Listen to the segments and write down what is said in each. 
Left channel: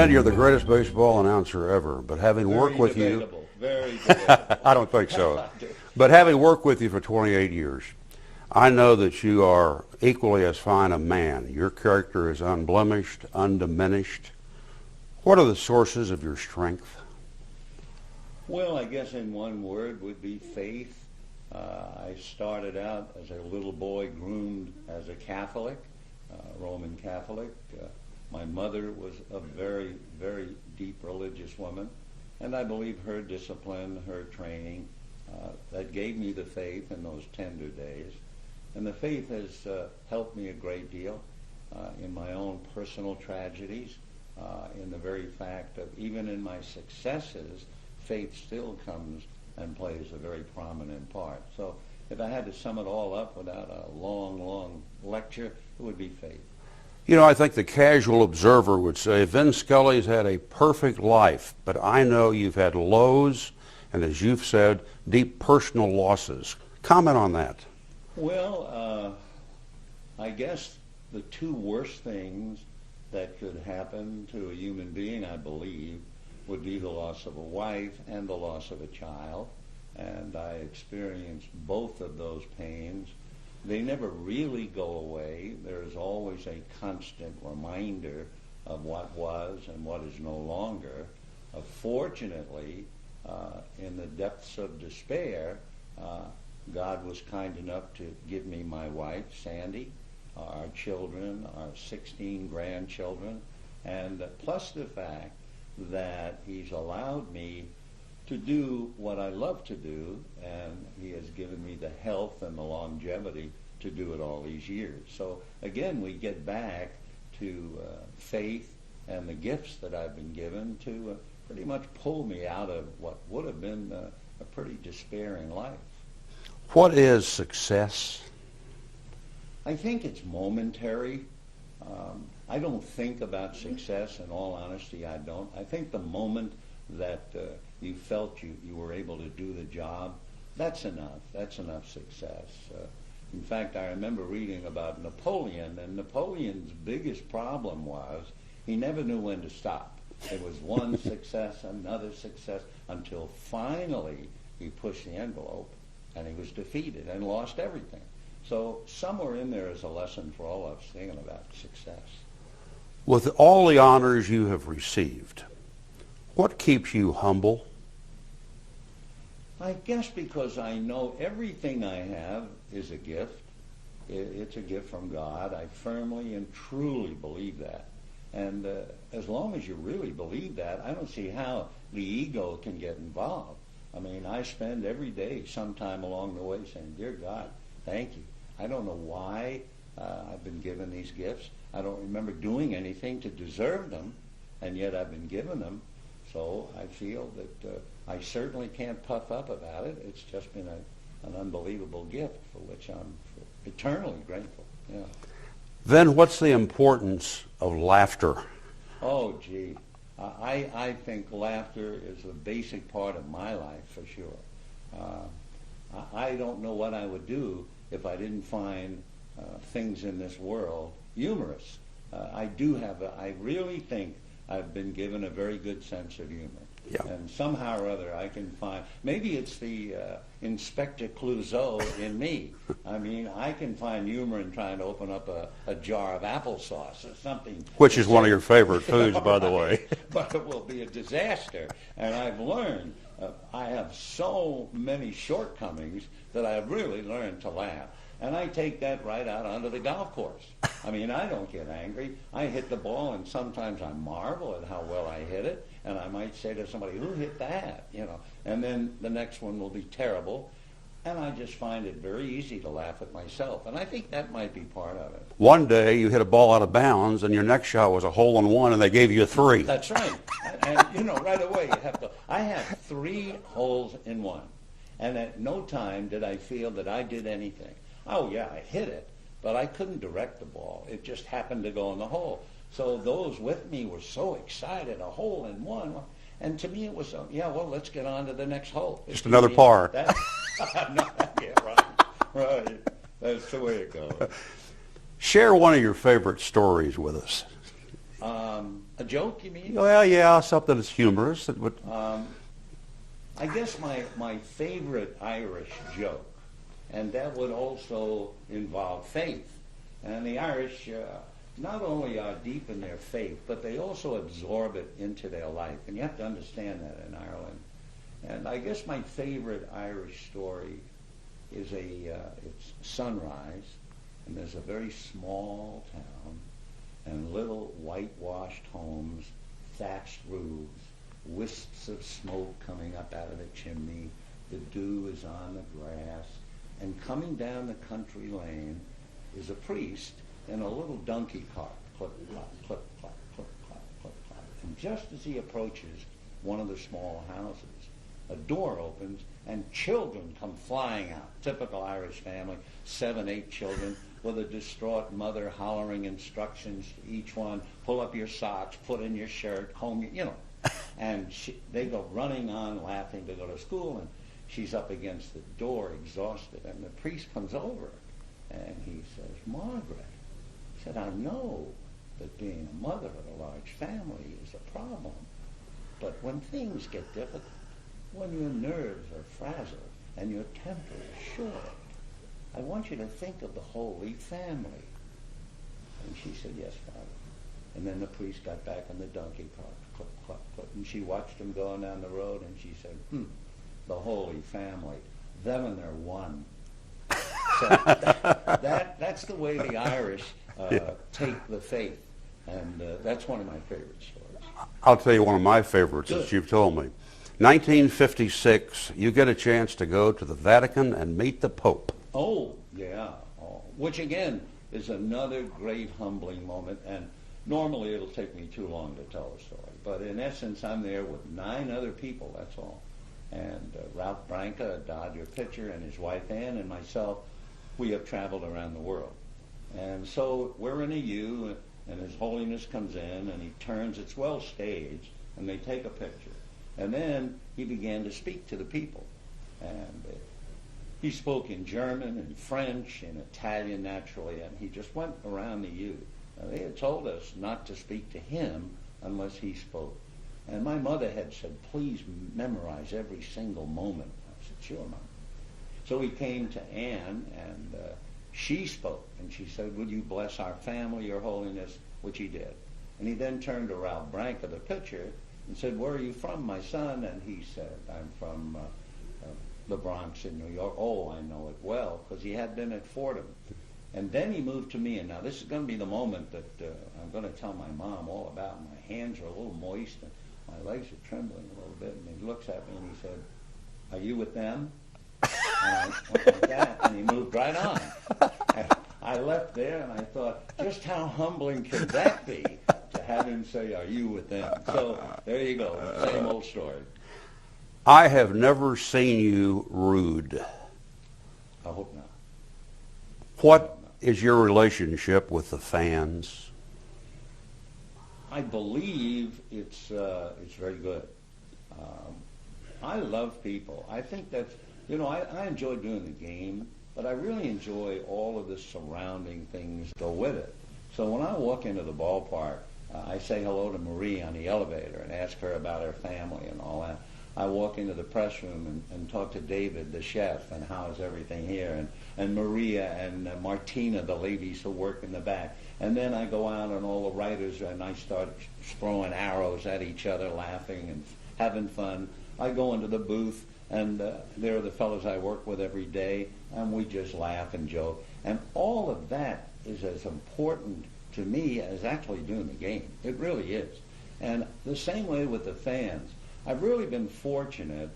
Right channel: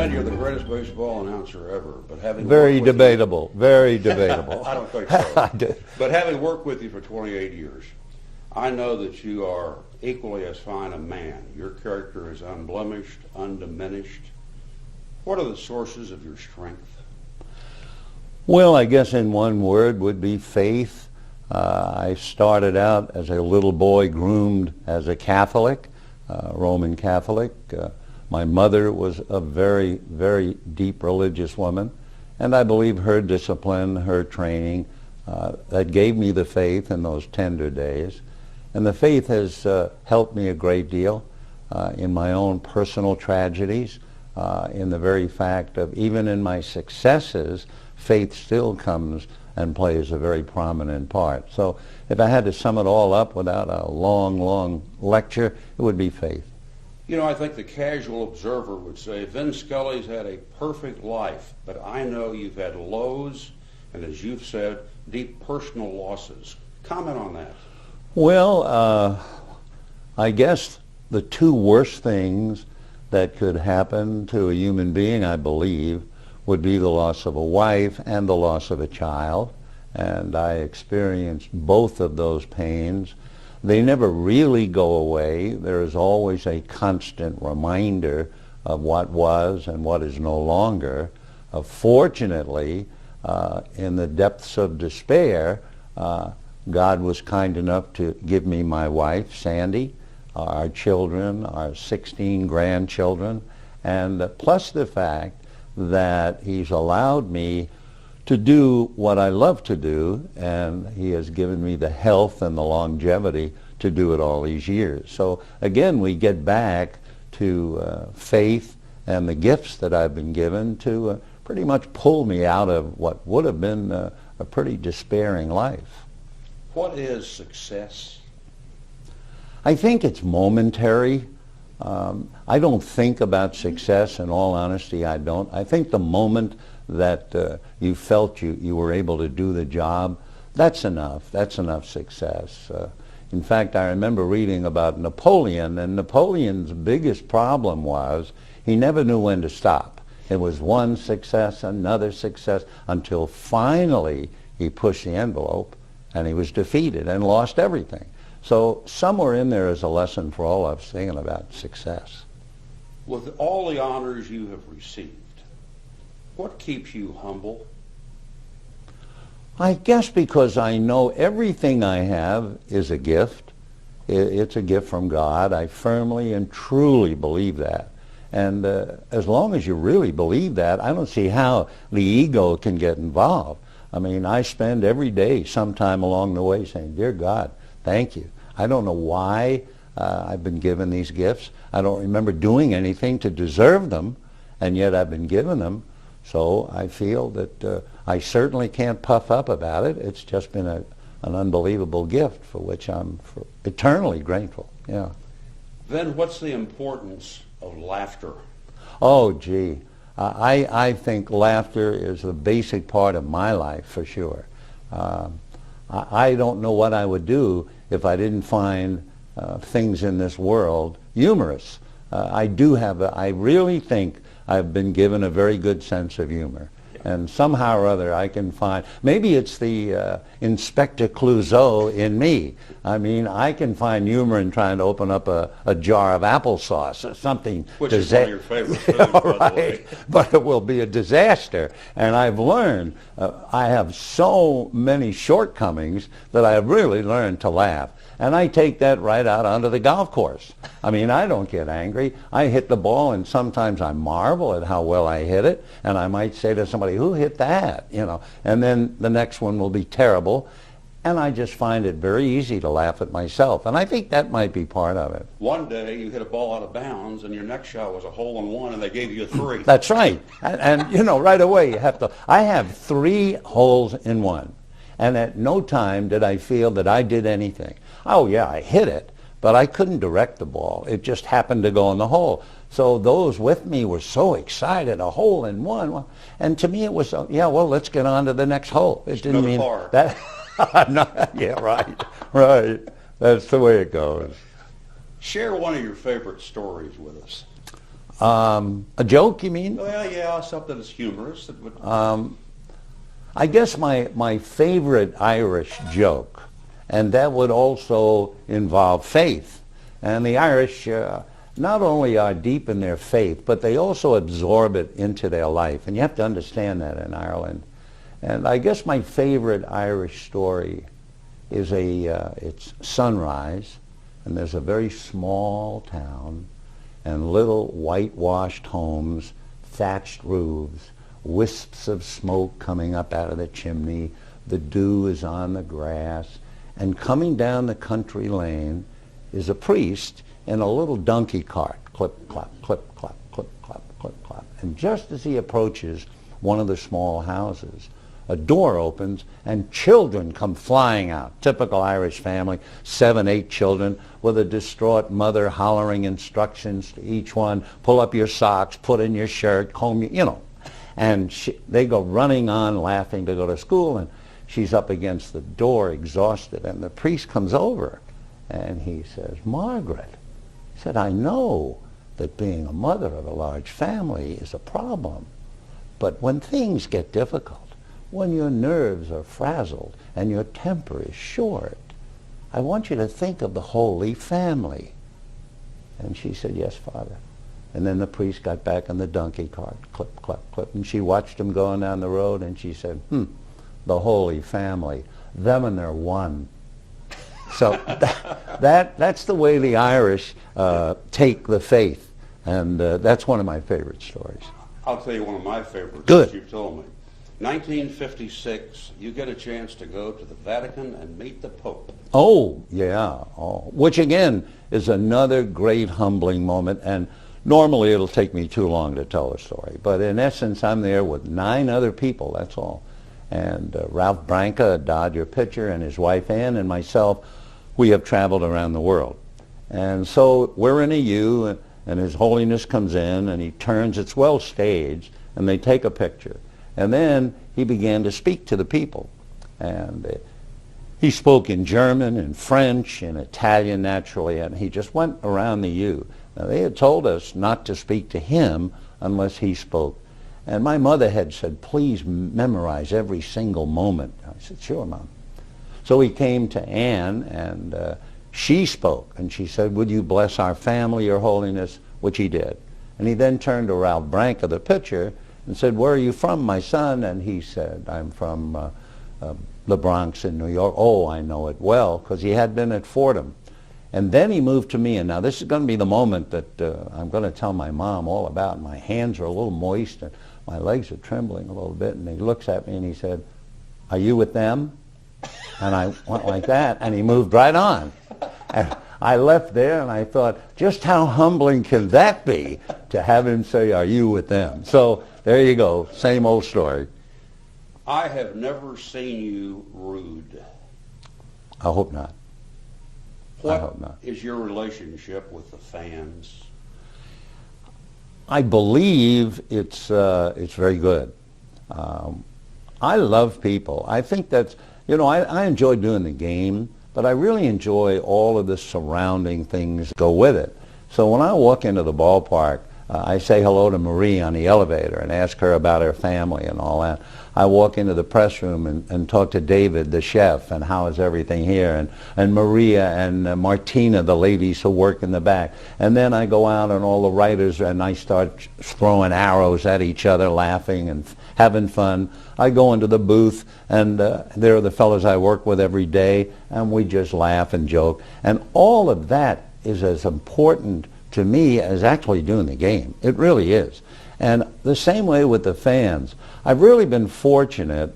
Vin, you're the greatest baseball announcer ever, but having Very worked with debatable. Very debatable. I don't think so. But having worked with you for 28 years, I know that you are equally as fine a man. Your character is unblemished, undiminished. What are the sources of your strength? Well, I guess in one word would be faith. I started out as a little boy groomed as a Catholic, Roman Catholic. My mother was a very, very deep religious woman, and I believe her discipline, her training, that gave me the faith in those tender days. And the faith has helped me a great deal in my own personal tragedies, in the very fact of even in my successes, faith still comes and plays a very prominent part. So if I had to sum it all up without a long, long lecture, it would be faith. You know, I think the casual observer would say, Vin Scully's had a perfect life, but I know you've had lows and, as you've said, deep personal losses. Comment on that. Well, I guess the two worst things that could happen to a human being, I believe, would be the loss of a wife and the loss of a child. And I experienced both of those pains. They never really go away. There is always a constant reminder of what was and what is no longer. Fortunately, in the depths of despair, God was kind enough to give me my wife, Sandy, our children, our 16 grandchildren, and plus the fact that he's allowed me to do what I love to do, and he has given me the health and the longevity to do it all these years. So again, we get back to faith and the gifts that I've been given to pretty much pull me out of what would have been a pretty despairing life. What is success? I think it's momentary. I don't think about success, in all honesty, I don't. I think the moment that you felt you were able to do the job, that's enough. That's enough success. In fact, I remember reading about Napoleon, and Napoleon's biggest problem was he never knew when to stop. It was one success, another success, until finally he pushed the envelope and he was defeated and lost everything. So somewhere in there is a lesson for all of us thinking about success. With all the honors you have received, what keeps you humble? I guess because I know everything I have is a gift. It's a gift from God. I firmly and truly believe that. And as long as you really believe that, I don't see how the ego can get involved. I mean, I spend every day sometime along the way saying, Dear God, thank you. I don't know why I've been given these gifts. I don't remember doing anything to deserve them, and yet I've been given them. So I feel that I certainly can't puff up about it. It's just been an unbelievable gift for which I'm eternally grateful. Yeah. Then what's the importance of laughter? Oh, gee. I think laughter is a basic part of my life, for sure. I don't know what I would do if I didn't find things in this world humorous. I really think I've been given a very good sense of humor. Yeah. And somehow or other I can find, maybe it's the Inspector Clouseau in me. I mean, I can find humor in trying to open up a jar of applesauce or something. Which is one of your favorite foods, by the way. But it will be a disaster. And I've learned, I have so many shortcomings that I have really learned to laugh. And I take that right out onto the golf course. I mean, I don't get angry. I hit the ball, and sometimes I marvel at how well I hit it, and I might say to somebody, who hit that? You know, and then the next one will be terrible, and I just find it very easy to laugh at myself, and I think that might be part of it. One day you hit a ball out of bounds, and your next shot was a hole-in-one, and they gave you a 3. That's right. And you know, right away you have to. I have 3 holes in one, and at no time did I feel that I did anything. Oh yeah, I hit it, but I couldn't direct the ball. It just happened to go in the hole. So those with me were so excited, a hole in one. And to me it was, yeah, well, let's get on to the next hole. Just another par. Yeah, right. That's the way it goes. Share one of your favorite stories with us. A joke, you mean? Well, yeah, something that's humorous. That would, I guess my favorite Irish joke, and that would also involve faith. And the Irish not only are deep in their faith, but they also absorb it into their life. And you have to understand that in Ireland. And I guess my favorite Irish story is it's sunrise, and there's a very small town, and little whitewashed homes, thatched roofs, wisps of smoke coming up out of the chimney, the dew is on the grass, and coming down the country lane is a priest in a little donkey cart, clip, clop, clip, clop, clip, clop, clip, clop. And just as he approaches one of the small houses, a door opens and children come flying out. Typical Irish family, 7, 8 children with a distraught mother hollering instructions to each one, pull up your socks, put in your shirt, comb your, you know. And they go running on laughing to go to school, and she's up against the door exhausted, and the priest comes over and he says, Margaret, he said, I know that being a mother of a large family is a problem, but when things get difficult, when your nerves are frazzled and your temper is short, I want you to think of the Holy Family. And she said, yes, Father. And then the priest got back in the donkey cart, clip, clip, clip, and she watched him going down the road, and she said, the Holy Family, them and their one. So that's the way the Irish take the faith, and that's one of my favorite stories. I'll tell you one of my favorites Good. that you've told me. 1956, you get a chance to go to the Vatican and meet the Pope. Oh, yeah. Oh. Which, again, is another great humbling moment. And normally it'll take me too long to tell a story. But in essence, I'm there with 9 other people, that's all. And Ralph Branca, a Dodger pitcher, and his wife Ann, and myself, we have traveled around the world. And so we're in a U, and His Holiness comes in, and he turns. It's well staged, and they take a picture. And then he began to speak to the people. And he spoke in German, in French, in Italian, naturally, and he just went around the U. Now, they had told us not to speak to him unless he spoke. And my mother had said, please memorize every single moment. I said, sure, Mom. So he came to Anne, and she spoke. And she said, would you bless our family, Your Holiness? Which he did. And he then turned to Ralph Branca, the pitcher, and said, where are you from, my son? And he said, I'm from the Bronx in New York. Oh, I know it well, because he had been at Fordham. And then he moved to me, and now this is going to be the moment that I'm going to tell my mom all about. My hands are a little moist, and my legs are trembling a little bit, and he looks at me and he said, are you with them? And I went like that, and he moved right on. And I left there, and I thought, just how humbling can that be to have him say, are you with them? So there you go, same old story. I have never seen you rude. I hope not. What is your relationship with the fans? I believe it's very good. I love people. I think that's, you know, I enjoy doing the game, but I really enjoy all of the surrounding things that go with it. So when I walk into the ballpark, I say hello to Marie on the elevator and ask her about her family and all that. I walk into the press room and talk to David, the chef, and how is everything here, and Maria and Martina, the ladies who work in the back. And then I go out and all the writers, and I start throwing arrows at each other, laughing and having fun. I go into the booth, and there are the fellows I work with every day, and we just laugh and joke. And all of that is as important to me as actually doing the game. It really is. And the same way with the fans. I've really been fortunate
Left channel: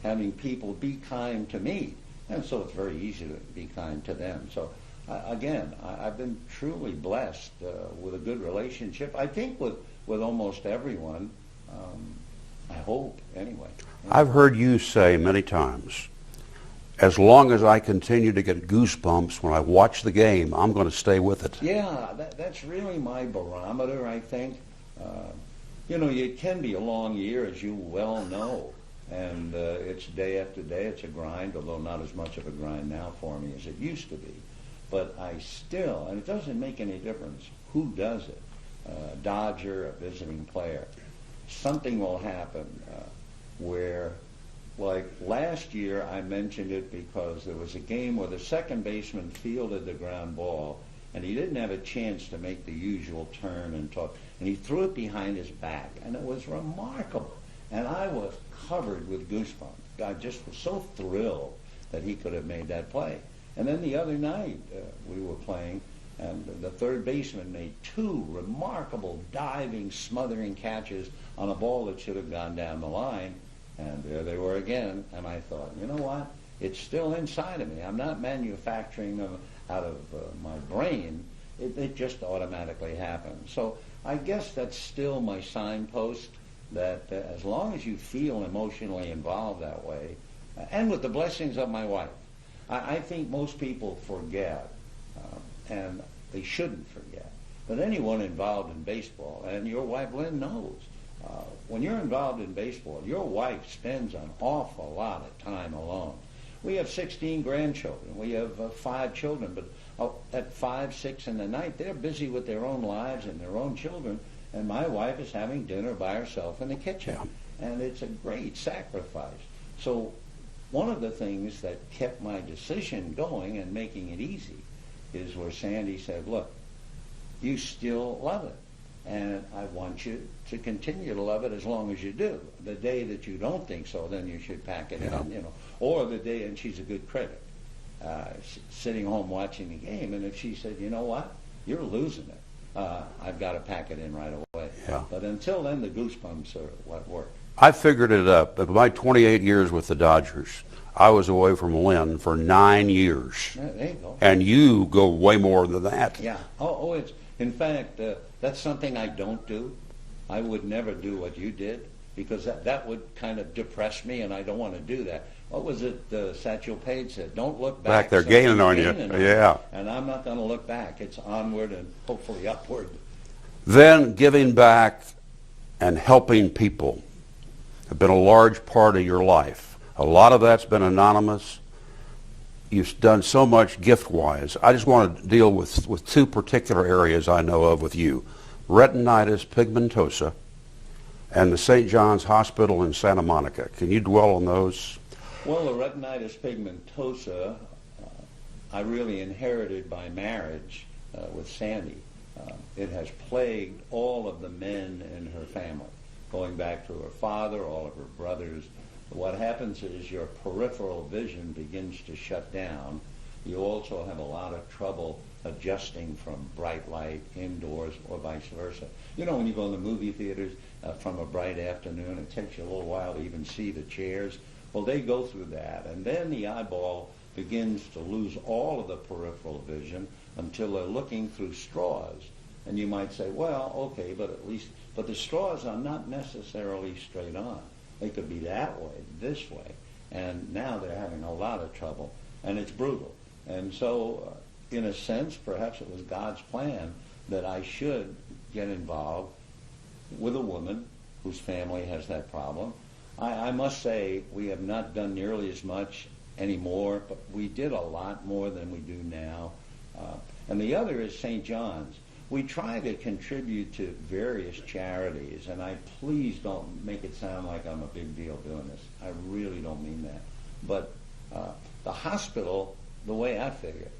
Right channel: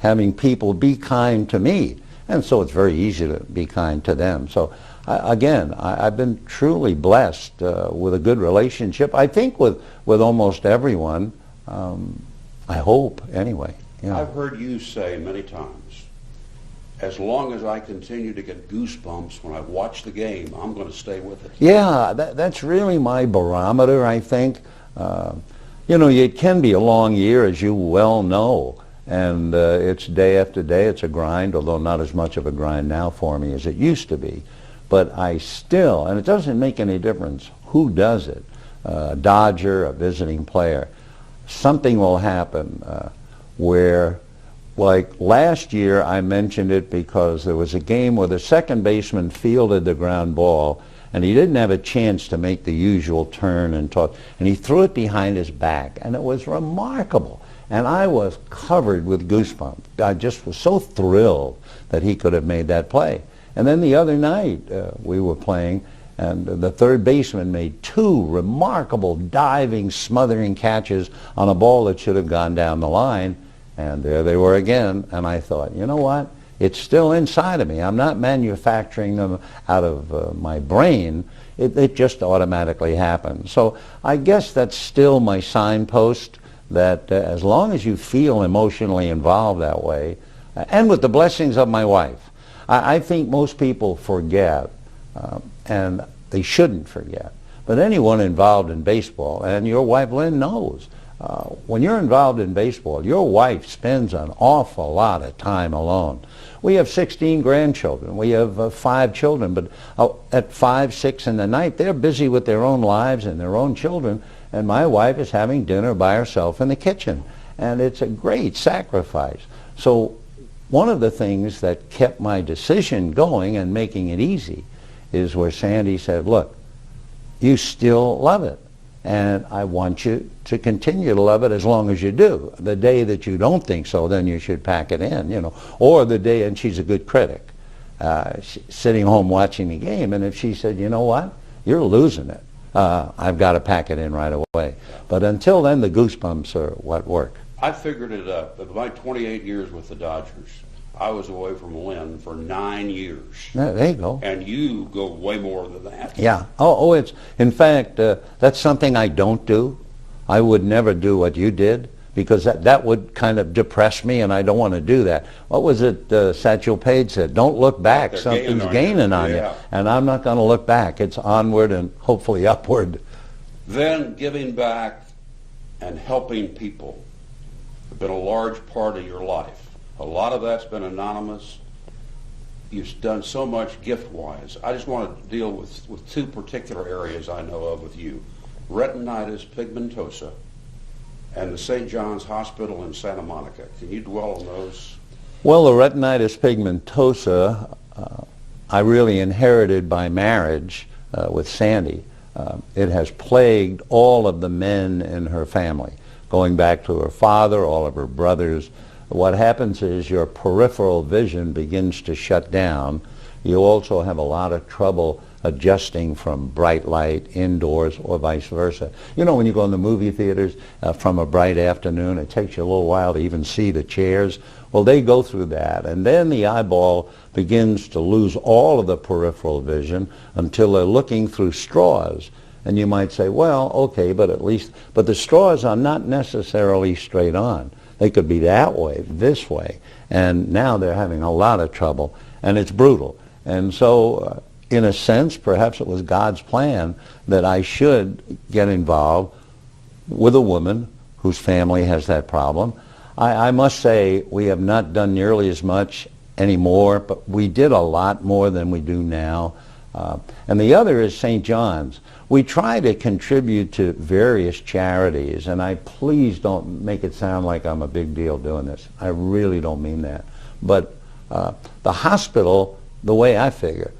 having people be kind to me, and so it's very easy to be kind to them. So I've been truly blessed with a good relationship, I think, with almost everyone. I hope, anyway. Yeah. I've heard you say many times, as long as I continue to get goosebumps when I watch the game, I'm going to stay with it. Yeah, that's really my barometer, I think. You know, it can be a long year, as you well know, and it's day after day. It's a grind, although not as much of a grind now for me as it used to be. But I still, and it doesn't make any difference who does it, a Dodger, a visiting player, something will happen where, like last year, I mentioned it because there was a game where the second baseman fielded the ground ball and he didn't have a chance to make the usual turn and toss, and he threw it behind his back, and it was remarkable. And I was covered with goosebumps. I just was so thrilled that he could have made that play. And then the other night we were playing, and the third baseman made two remarkable diving, smothering catches on a ball that should have gone down the line. And there they were again. And I thought, you know what? It's still inside of me. I'm not manufacturing them out of my brain. It just automatically happens. So I guess that's still my signpost, that as long as you feel emotionally involved that way, and with the blessings of my wife, I think most people forget, and they shouldn't forget. But anyone involved in baseball, and your wife Lynn knows, when you're involved in baseball, your wife spends an awful lot of time alone. We have 16 grandchildren. We have 5 children, but at 5, 6 in the night, they're busy with their own lives and their own children, and my wife is having dinner by herself in the kitchen. And it's a great sacrifice. So one of the things that kept my decision going and making it easy is where Sandy said, look, you still love it, and I want you to continue to love it as long as you do. The day that you don't think so, then you should pack it in, you know. Or the day, and she's a good critic, sitting home watching the game, and if she said, you know what, you're losing it, I've got to pack it in right away. Yeah. But until then, the goosebumps are what work. I figured it up. But my 28 years with the Dodgers, I was away from Lynn for 9 years. There you go. And you go way more than that. Yeah. It's, in fact, that's something I don't do. I would never do what you did, because that would kind of depress me, and I don't want to do that. What was it Satchel Paige said? Don't look back. They're gaining on you. And I'm not going to look back. It's onward and hopefully upward. Then giving back and helping people have been a large part of your life. A lot of that's been anonymous. You've done so much gift-wise. I just want to deal with 2 particular areas I know of with you. Retinitis pigmentosa and the St. John's Hospital in Santa Monica. Can you dwell on those? Well, the retinitis pigmentosa I really inherited by marriage with Sandy. It has plagued all of the men in her family, going back to her father, all of her brothers. What happens is your peripheral vision begins to shut down. You also have a lot of trouble adjusting from bright light indoors or vice versa. You know, when you go in the movie theaters from a bright afternoon, it takes you a little while to even see the chairs. Well, they go through that, and then the eyeball begins to lose all of the peripheral vision until they're looking through straws. And you might say, well, okay, but the straws are not necessarily straight on. They could be that way, this way, and now they're having a lot of trouble, and it's brutal. And so, in a sense, perhaps it was God's plan that I should get involved with a woman whose family has that problem. I must say we have not done nearly as much anymore, but we did a lot more than we do now. And the other is St. John's. We try to contribute to various charities, and please don't make it sound like I'm a big deal doing this. I really don't mean that. But the hospital, the way I figure,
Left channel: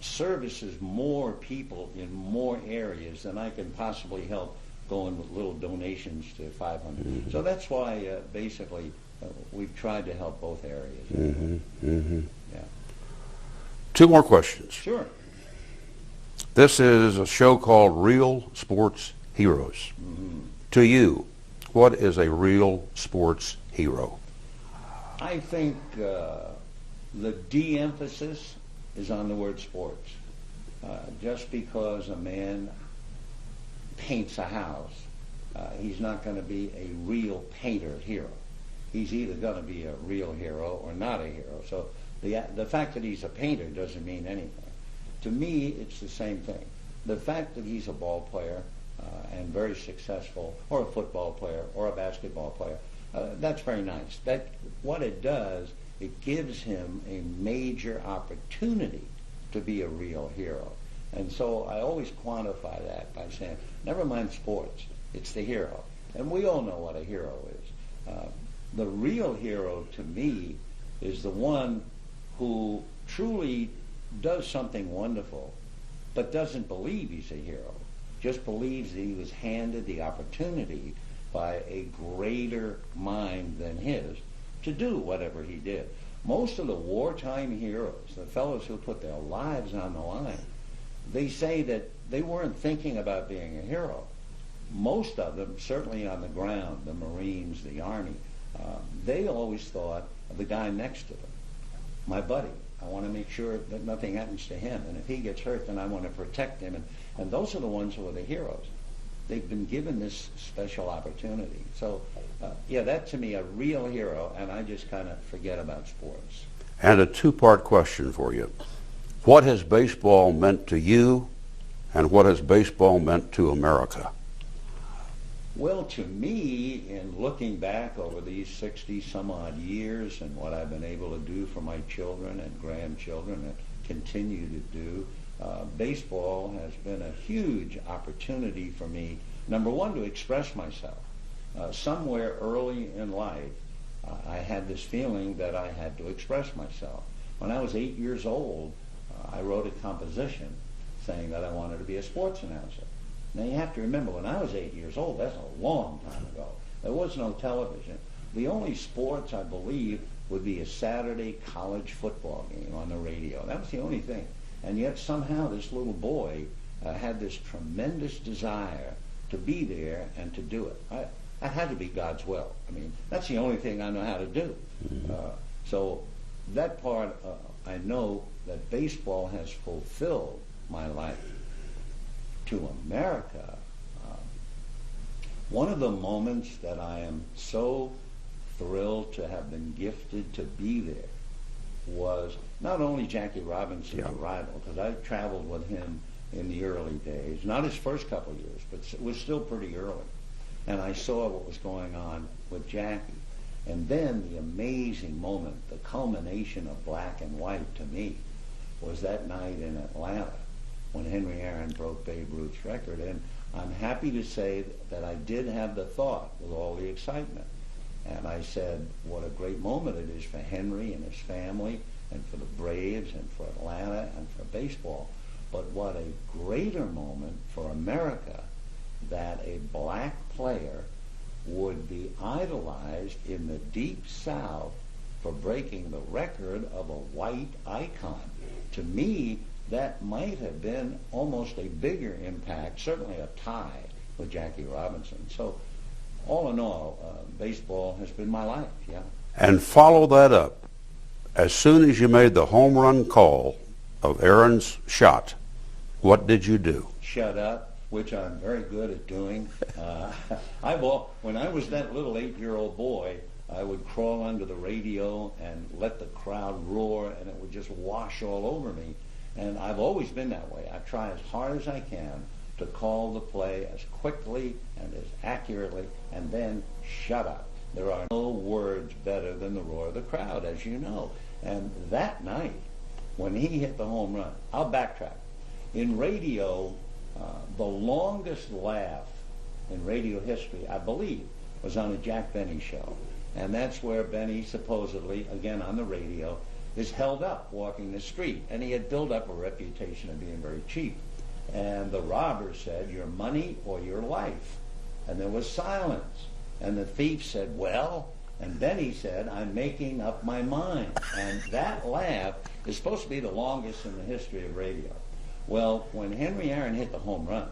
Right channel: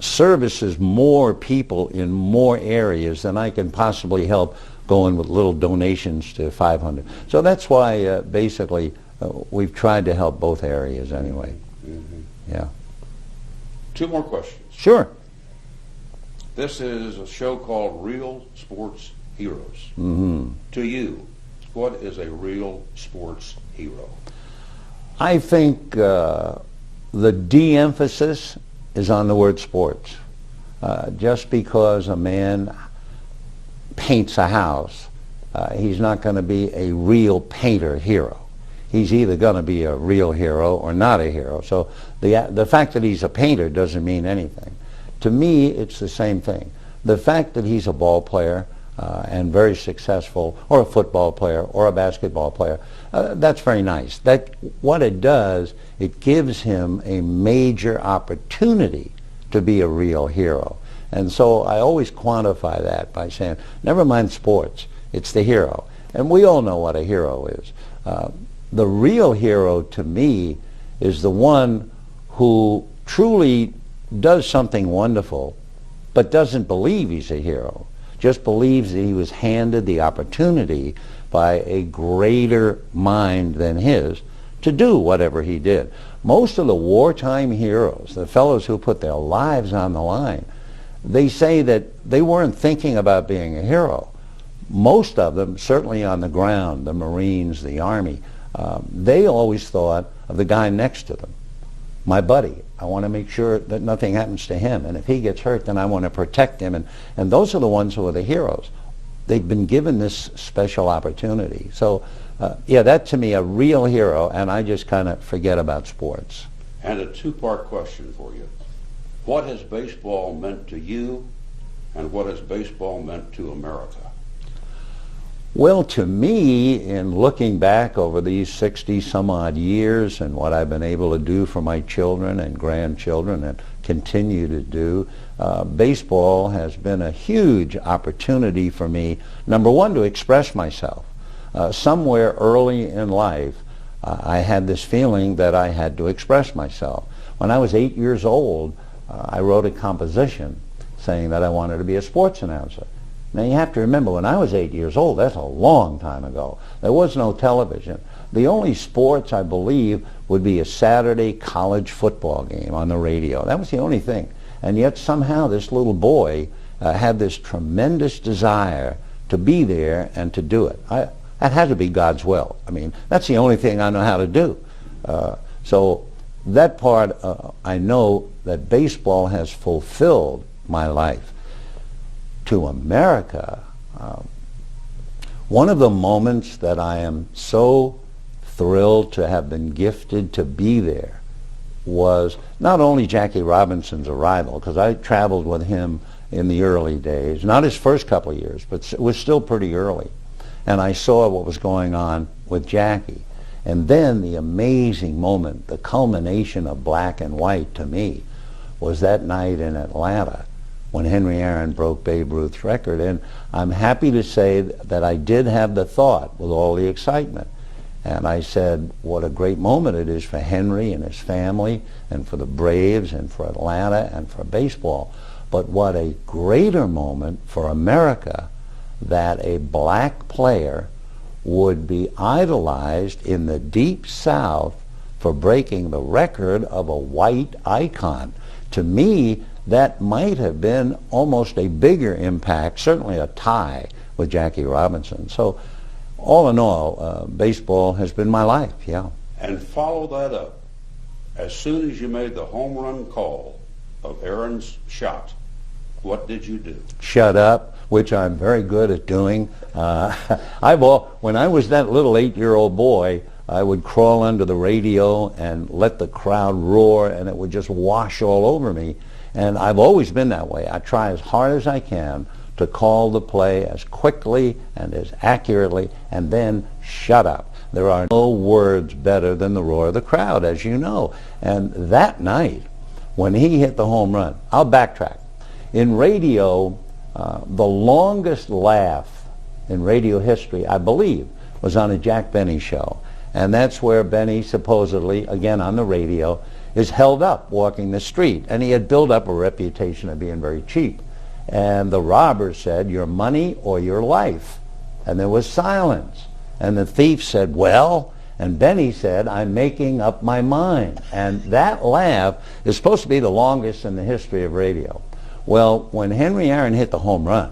services more people in more areas than I can possibly help going with little donations to 500. So that's why basically we've tried to help both areas anyway. Mm-hmm. Yeah. 2 more questions. Sure. This is a show called Real Sports Heroes. Mm-hmm. To you, what is a real sports hero? I think the de-emphasis is on the word sports. Just because a man paints a house, he's not going to be a real painter hero. He's either going to be a real hero or not a hero. So the fact that he's a painter doesn't mean anything. To me, it's the same thing. The fact that he's a ball player and very successful, or a football player, or a basketball player, that's very nice. What it does, it gives him a major opportunity to be a real hero. And so I always quantify that by saying, never mind sports, it's the hero. And we all know what a hero is. The real hero to me is the one who truly does something wonderful, but doesn't believe he's a hero, just believes that he was handed the opportunity by a greater mind than his to do whatever he did. Most of the wartime heroes, the fellows who put their lives on the line, they say that they weren't thinking about being a hero. Most of them, certainly on the ground, the Marines, the Army, they always thought of the guy next to them. My buddy, I want to make sure that nothing happens to him, and if he gets hurt, then I want to protect him. And those are the ones who are the heroes. They've been given this special opportunity. So, yeah, that to me, a real hero, and I just kind of forget about sports. And a two-part question for you. What has baseball meant to you, and what has baseball meant to America? Well, to me, in looking back over these 60-some-odd years and what I've been able to do for my children and grandchildren and continue to do, baseball has been a huge opportunity for me, number one, to express myself. Somewhere early in life, I had this feeling that I had to express myself. When I was 8 years old, I wrote a composition saying that I wanted to be a sports announcer. Now you have to remember, when I was 8 years old, that's a long time ago. There was no television. The only sports, I believe, would be a Saturday college football game on the radio. That was the only thing. And yet somehow this little boy had this tremendous desire to be there and to do it. That had to be God's will. I mean, that's the only thing I know how to do. So that part, I know that baseball has fulfilled my life. To America, one of the moments that I am so thrilled to have been gifted to be there was not only Jackie Robinson's arrival, because I traveled with him in the early days, not his first couple of years, but it was still pretty early. And I saw what was going on with Jackie. And then the amazing moment, the culmination of black and white to me, was that night in Atlanta when Henry Aaron broke Babe Ruth's record. And I'm happy to say that I did have the thought with all the excitement. And I said, what a great moment it is for Henry and his family and for the Braves and for Atlanta and for baseball. But what a greater moment for America that a black player would be idolized in the Deep South for breaking the record of a white icon. To me, that might have been almost a bigger impact, certainly a tie with Jackie Robinson. So all in all, baseball has been my life, yeah. And follow that up. As soon as you made the home run call of Aaron's shot, what did you do? Shut up, which I'm very good at doing. When I was that little 8-year-old boy, I would crawl under the radio and let the crowd roar, and it would just wash all over me. And I've always been that way. I try as hard as I can to call the play as quickly and as accurately, and then shut up. There are no words better than the roar of the crowd, as you know. And that night, when he hit the home run, I'll backtrack. In radio, the longest laugh in radio history, I believe, was on a Jack Benny show. And that's where Benny supposedly, again on the radio, is held up walking the street. And he had built up a reputation of being very cheap. And the robber said, your money or your life? And there was silence. And the thief said, well, and Benny said, I'm making up my mind. And that laugh is supposed to be the longest in the history of radio. Well, when Henry Aaron hit the home run,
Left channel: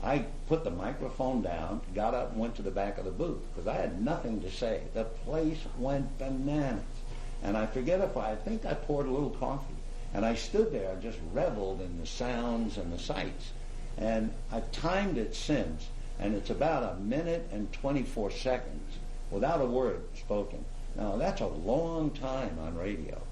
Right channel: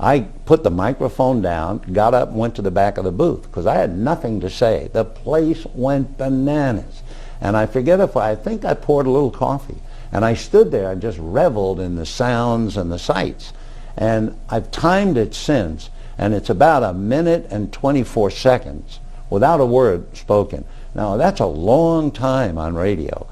I put the microphone down, got up, and went to the back of the booth because I had nothing to say. The place went bananas. And I think I poured a little coffee. And I stood there and just reveled in the sounds and the sights. And I've timed it since, and it's about 1 minute and 24 seconds without a word spoken. Now, that's a long time on radio,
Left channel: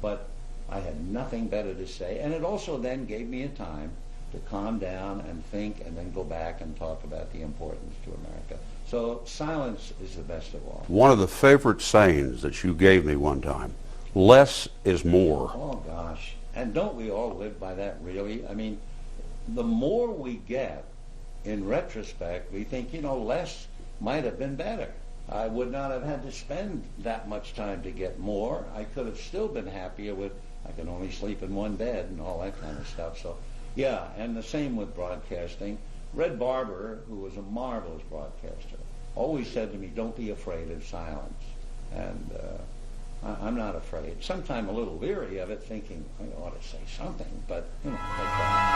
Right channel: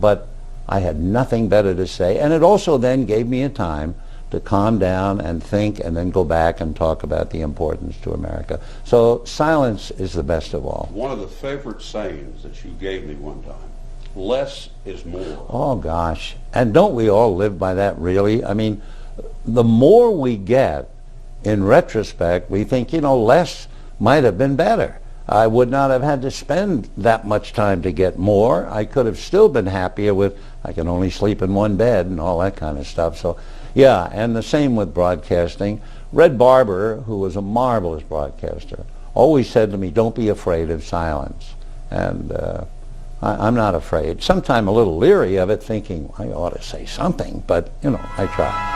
but I had nothing better to say. And it also then gave me a time to calm down and think and then go back and talk about the importance to America. So silence is the best of all. One of the favorite sayings that you gave me one time, less is more. Oh gosh, and don't we all live by that really? I mean, the more we get, in retrospect, we think, less might have been better. I would not have had to spend that much time to get more. I could have still been happier with, I can only sleep in one bed and all that kind of stuff. So, yeah, and the same with broadcasting. Red Barber, who was a marvelous broadcaster, always said to me, don't be afraid of silence. And I'm not afraid. Sometimes a little leery of it, thinking I ought to say something, but, I try.